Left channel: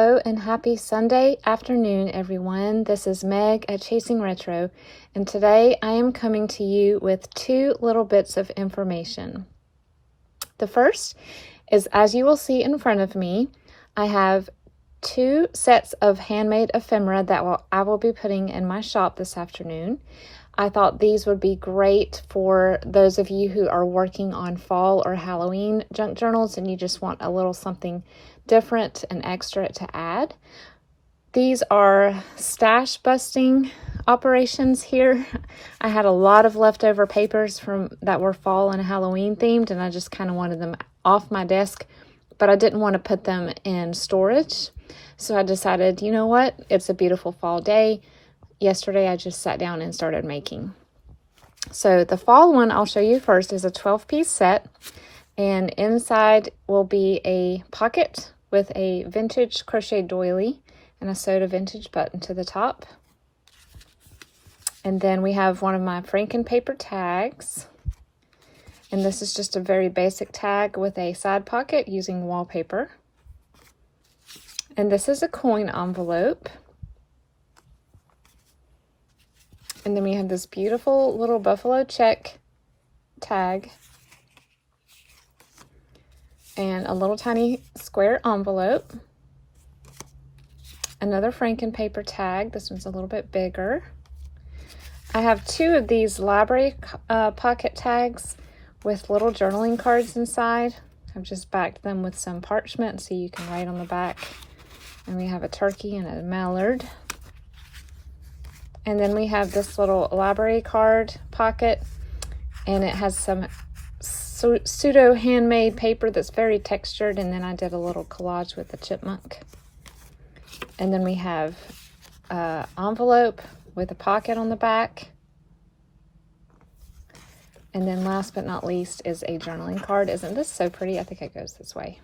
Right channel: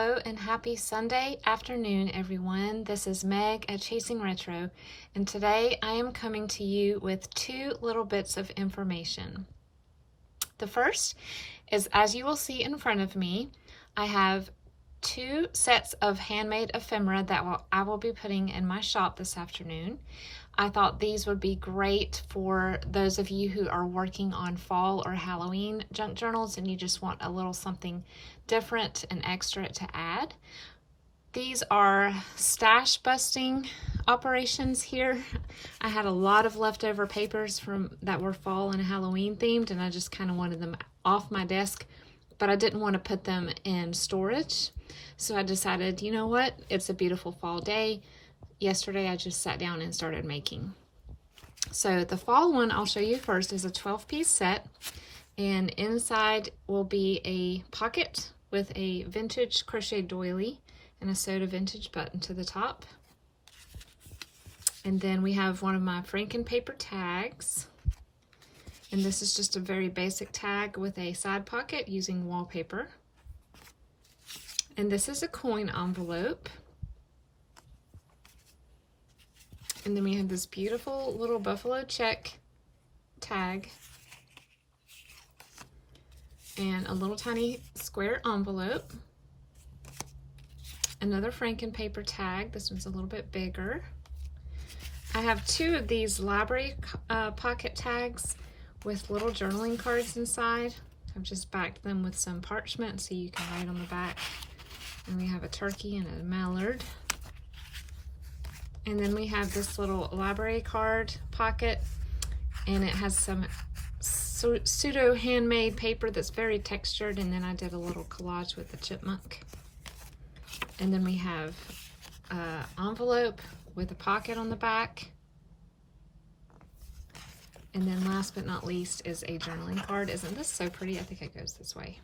Hello and happy Sunday afternoon, everyone. This is Meg at Chasing Retro, and today I am coming to you with two little bits of information. The first is, as you will see in front of me, I have two sets of handmade ephemera that I will be putting in my shop this afternoon. I thought these would be great for those of you who are working on fall or Halloween junk journals and you just want a little something different and extra to add. These are stash busting operations here. I had a lot of leftover papers that were fall and Halloween themed, and I just kind of wanted them off my desk, but I didn't want to put them in storage. So I decided, you know what? It's a beautiful fall day. Yesterday I just sat down and started making. So the fall one I'll show you first is a 12-piece set, and inside will be a pocket with a vintage crochet doily and a sewed vintage button to the top. And then we have one of my Franken paper tags, and this is just a very basic tag with a side pocket using wallpaper. And this is a coin envelope. And then we have this beautiful little buffalo check tag and a little tiny square envelope. Another Franken paper tag. This one's a little bit bigger. I have two of these library pocket tags with little journaling cards inside. I've just backed them with some parchment so you can write on the back. And we have a turkey and a mallard. And then we have this little library card pocket, and it has some pseudo handmade paper that's very textured, and then I did a little collage with the chipmunk. And then we have an envelope with a pocket on the back. And then last but not least is a journaling card. Isn't this so pretty? I think it goes this way.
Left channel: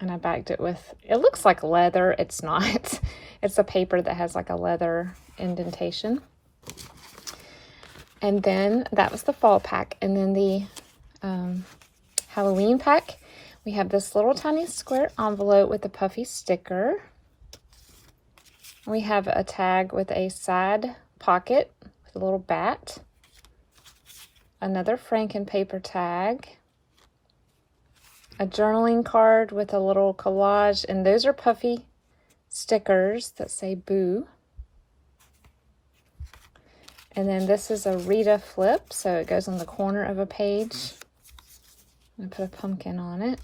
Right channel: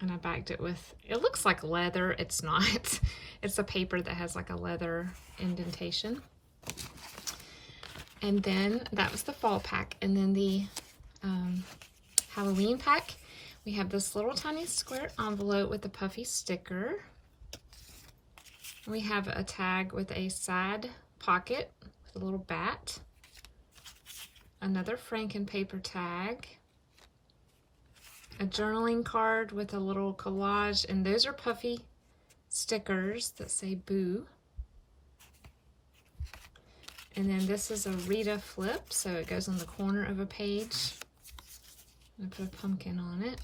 And I backed it with, it looks like leather. It's not. It's a paper that has like a leather indentation. And then that was the fall pack. And then the Halloween pack, we have this little tiny square envelope with a puffy sticker. We have a tag with a side pocket with a little bat. Another Franken paper tag. A journaling card with a little collage, and those are puffy stickers that say boo. And then this is a Rita flip, so it goes on the corner of a page. I put a pumpkin on it.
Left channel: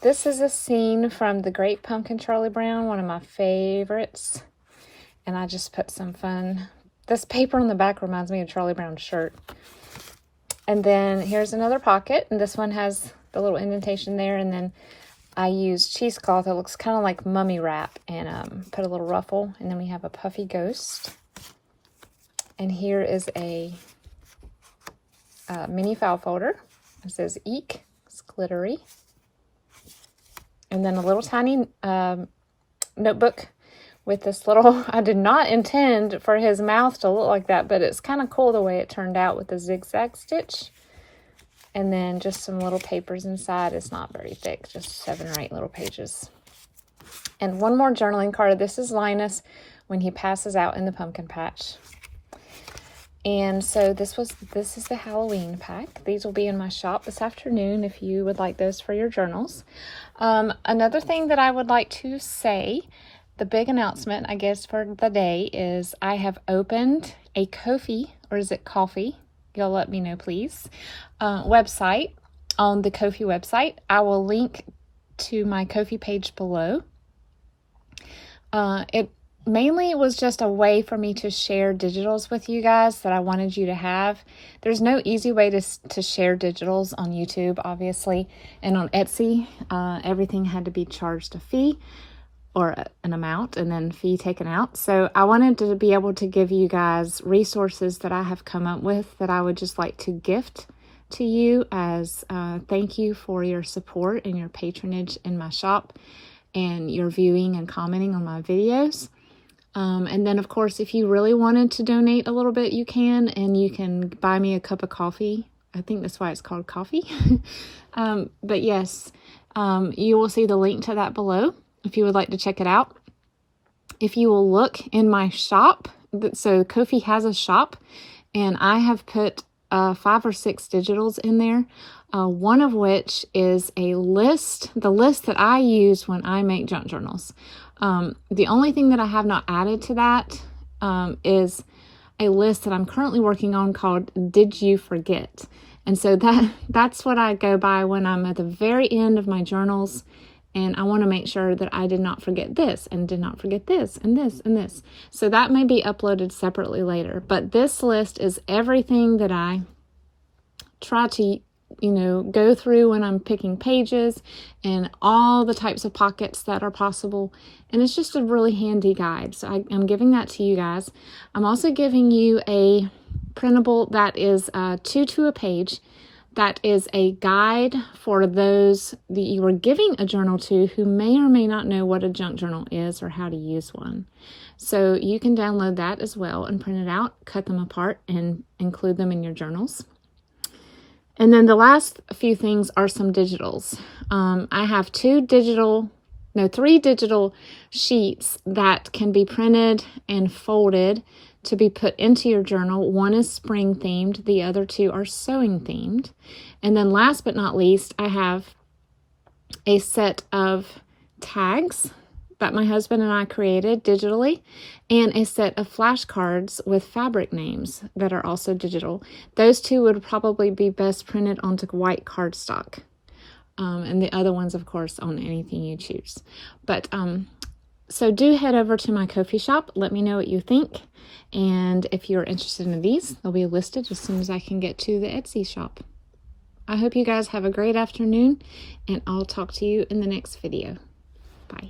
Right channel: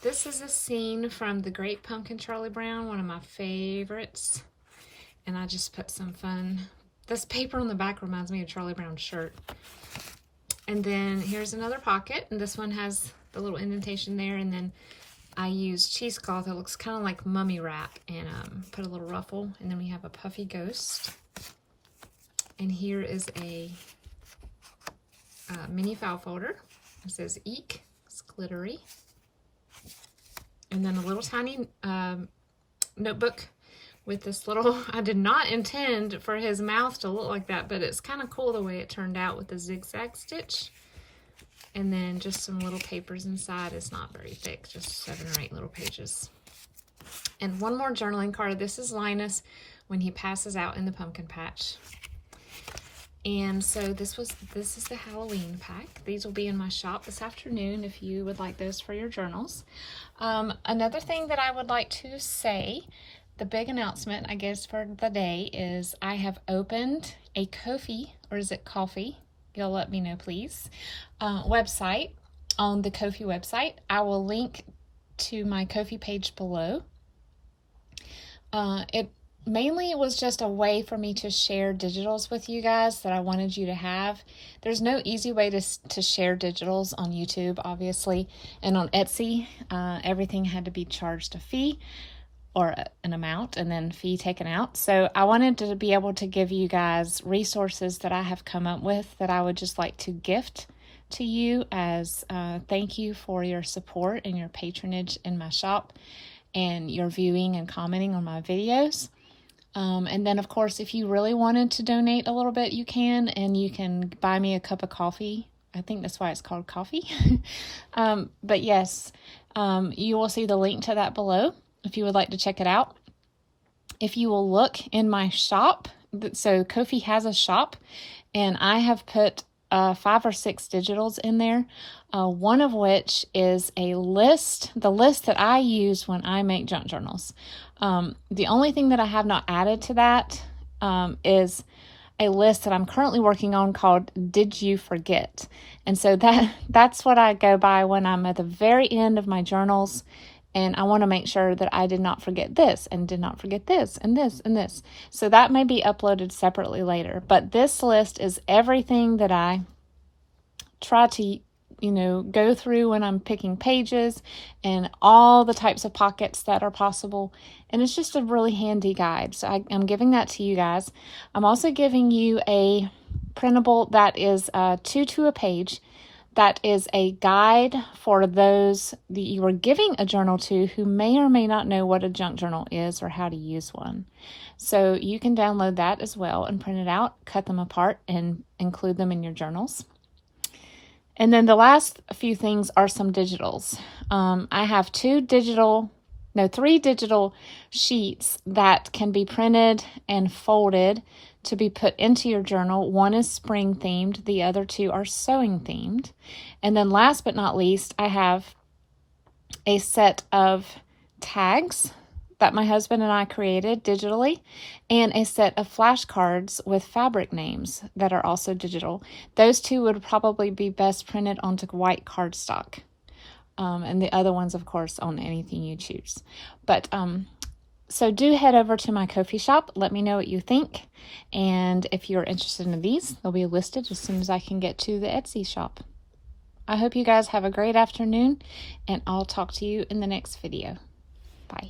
This is a scene from The Great Pumpkin, Charlie Brown, one of my favorites. And I just put some fun. This paper on the back reminds me of Charlie Brown's shirt. And then here's another pocket, and this one has the little indentation there, and then I used cheesecloth that looks kind of like mummy wrap, and put a little ruffle. And then we have a puffy ghost, and here is a mini file folder. It says Eek, it's glittery, and then a little tiny notebook with this little, I did not intend for his mouth to look like that, but it's kind of cool the way it turned out with the zigzag stitch. And then just some little papers inside. It's not very thick, just 7 or 8 little pages. And one more journaling card. This is Linus when he passes out in the pumpkin patch. And so this is the Halloween pack. These will be in my shop this afternoon if you would like those for your journals. Another thing that I would like to say, the big announcement, I guess, for the day is I have opened a Ko-fi, or is it coffee? You'll let me know, please. Website on the Ko-fi website. I will link to my Ko-fi page below. It mainly was just a way for me to share digitals with you guys that I wanted you to have. There's no easy way to share digitals on YouTube, obviously, and on Etsy. Everything had to be charged a fee or an amount, and then fee taken out. So I wanted to be able to give you guys resources that I have come up with that I would just like to gift to you as thank you for your support and your patronage in my shop and your viewing and commenting on my videos. And then, of course, if you really wanted to donate a little bit, you can, and you can buy me a cup of coffee. I think that's why it's called coffee. But yes, you will see the link to that below. if you would like to check it out. If you will look in my shop, so Ko-fi has a shop, and I have put 5 or 6 digitals in there, one of which is a list, the list that I use when I make junk journals. The only thing that I have not added to that is a list that I'm currently working on called Did You Forget? And so that's what I go by when I'm at the very end of my journals, and I want to make sure that I did not forget this and did not forget this and this and this. So that may be uploaded separately later, but this list is everything that I try to, go through when I'm picking pages, and all the types of pockets that are possible. And it's just a really handy guide. So I'm giving that to you guys. I'm also giving you a printable that is 2 to a page. That is a guide for those that you are giving a journal to who may or may not know what a junk journal is or how to use one. So you can download that as well and print it out, cut them apart, and include them in your journals. And then the last few things are some digitals. I have 3 digital sheets that can be printed and folded to be put into your journal. One is spring themed, the other 2 are sewing themed. And then last but not least, I have a set of tags that my husband and I created digitally, and a set of flashcards with fabric names that are also digital. Those 2 would probably be best printed onto white cardstock. And the other ones, of course, on anything you choose. But so do head over to my Ko-fi shop. Let me know what you think. And if you're interested in these, they'll be listed as soon as I can get to the Etsy shop. I hope you guys have a great afternoon, and I'll talk to you in the next video. Bye.